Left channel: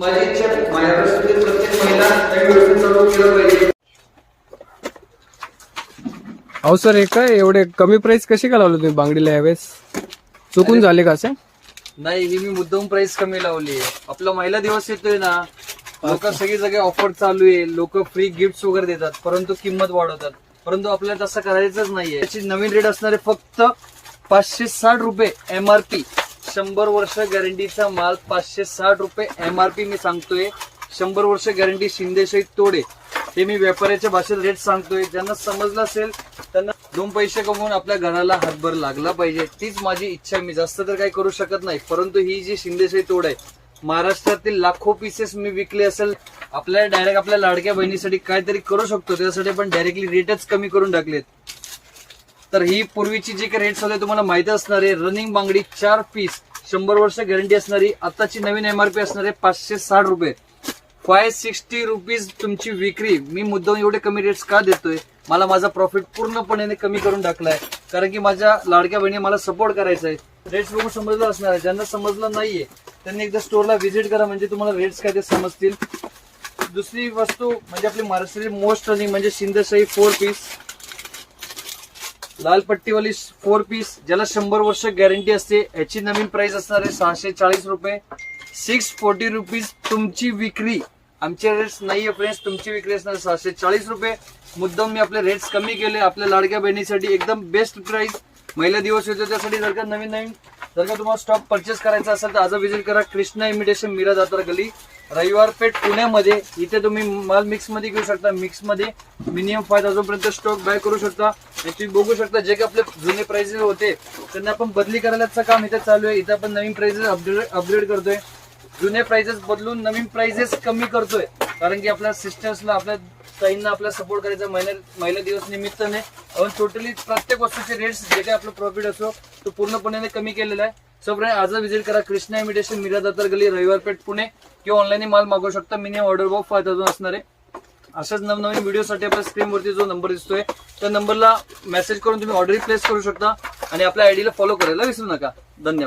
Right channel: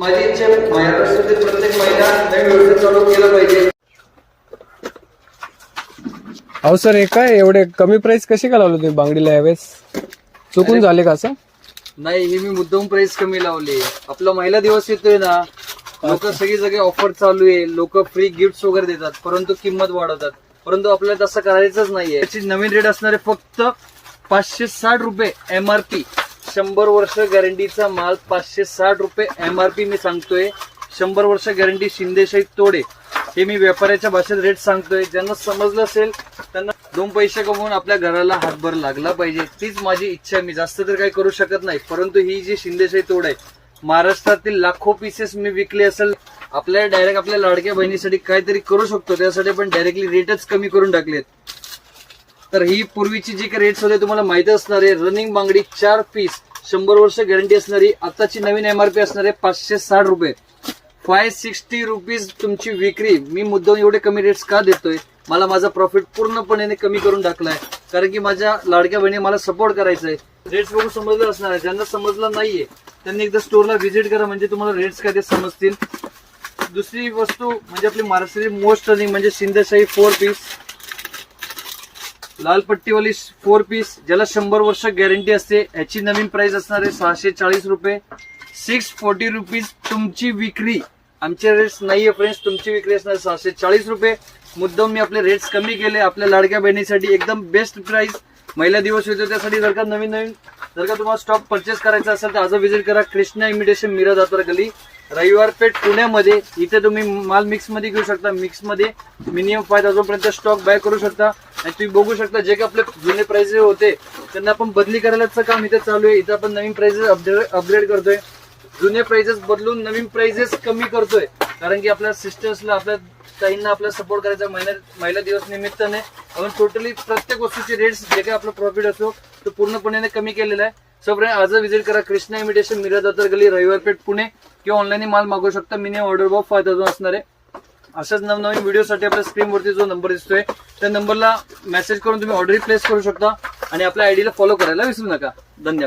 माझी इच्छा माझ्याकडे प्रत्येक महिना नवीन व्यवसाय चालू केलं पाहिजे. अहो सर, हे काय एवढे कमी प्राइस कशी का लावले तुम्ही बांगडीला यावेळेस? चुकून झाले का असं? नाही, हे मी मुद्दाम प्राइस कमी लावली. आपला महिला दिवस येतोय ना, लोक सगळी जागे ऑफर चालू आहे, लोक फ्री गिफ्ट वगैरे देतात, परंतु किंमत वाढवतात. परंतु आपल्याला तसं करायचंच नाहीये. त्याची नवीन रेट असणारे फक्त 560 रुपये एमआरपी. 100 वर्ष गॅरंटीचा माल 560 रुपये एमआरपी मी सांगतोय. 100 वर्ष गॅरंटी शिंदेशाही तोडे. हे मी व्यापाऱ्याच्या भाषेत रेट सांगतोय. ज्यांना समजलं असेल त्यांना 2 पैसे कमवून आपल्या घराला हातभार लागला पाहिजे, तीच माझी इच्छा आहे. मी जास्त तर काही करू शकत नाही, परंतु ही जी शिंदेशाही तोड आहे, महाराष्ट्रातील लाखो पीसेस मी विकले असेल. आपल्याला डायरेक्ट आपल्या लाडक्या बहिणीसाठी काहीतरी करू शकतो, त्यासाठी पण डायरेक्टली रेटच कमी करून टाकलेत. तर ही पूर्वीची जी काही रेट्स होते तुम्हाला माहिती असणार आहे. रनिंग बांगडी 4 पीस 100 वर्ष गॅरंटी असणारी आताची नवीन एमआरपी असणार आहे 560 रुपये. 560 रुपीज तुमची विक्री. मी मुद्दाम एवढे कमी रेट्स का देतोय? मला माझा प्रॉफिट पूर्णपणे कमी करून टाकलाय, कारण की माझ्या लाडक्या बहिणी मला सपोर्ट करायचा आहे. रेट्स बघून समजलं असणार आहे. ज्यांना समजलं नाहीये त्यांनी एकदा स्टोरला व्हिजिट करा, म्हणजे तुम्हाला रेट्स काय ते समजतील. दुसरी वस्तू म्हणजे आपली महाराष्ट्राची मोस्ट रनिंग म्हणजे शिंदेशाही 4 पीस, लाल पट्टीवाली 4 पीस, ज्याला 100 वर्ष गॅरंटी असते. याची नवीन प्राइस असणार आहे 640 रुपये. 640 रुपीज तुमची विक्री. आमचे रेट्स नाहीये फ्रेंड्स, तुमची विक्री असणार 640 रुपये. मुद्दाम मी आपले रेट्स कमी केले आपल्या लाडक्या बहिणीसाठी. एकदम बेस्ट प्राइस. महिला दिवस येतो त्यासाठी जर का जर का तुम्हाला स्टॉक परचेस करायचा असेल तर आज व्हिजिट करा. कृष्णा इमिटेशन मीरा दातार गली, रविवार पेठ, पुण्यामध्ये. इथे तुम्ही माल मिक्स मध्ये घेऊ शकता. मिक्स मध्ये मिनिमम 5000 पर्यंत स्टॉक बाय करू शकता. आणि तुम्ही बघू शकता जे काही आपले जुने प्राइसेस होते त्यांना आपण बदली करायलाच काम इथे चालू आहे. इथे आपण नवीन प्राइसेस अपग्रेड करतोय. जुने प्राइसेस बदलून नवीन प्राइसेस कमी करतोय, कारण की आपल्या सिस्टर्सला, आपल्या ताईंना आपला सपोर्ट करायचा. महिला दिवस निमित्ताने आपण टोटली प्रत्येक वस्तूचे रेट्स जे काही आपला प्रॉफिट असतो तो पूर्णपणे कमी केलेला आहे. सो फ्रेंड, आज व्हिजिट करा कृष्णा इमिटेशन मीरा दातार गली, रविवार पेठ, पुणे. किंवा ऑनलाईन माल मागवू शकता. मिनिमम ऑर्डर ऑफ 5000 असणार आहे. अशाच नवनवीन व्हिडिओसाठी आपल्या स्क्रीनवरती जो नंबर दिसतोय त्या नंबरला मेसेज करून तुम्ही ऑर्डर प्लेस करू शकता. आणि आपल्या आयडीला फॉलो करायला विसरू नका. धन्यवाद.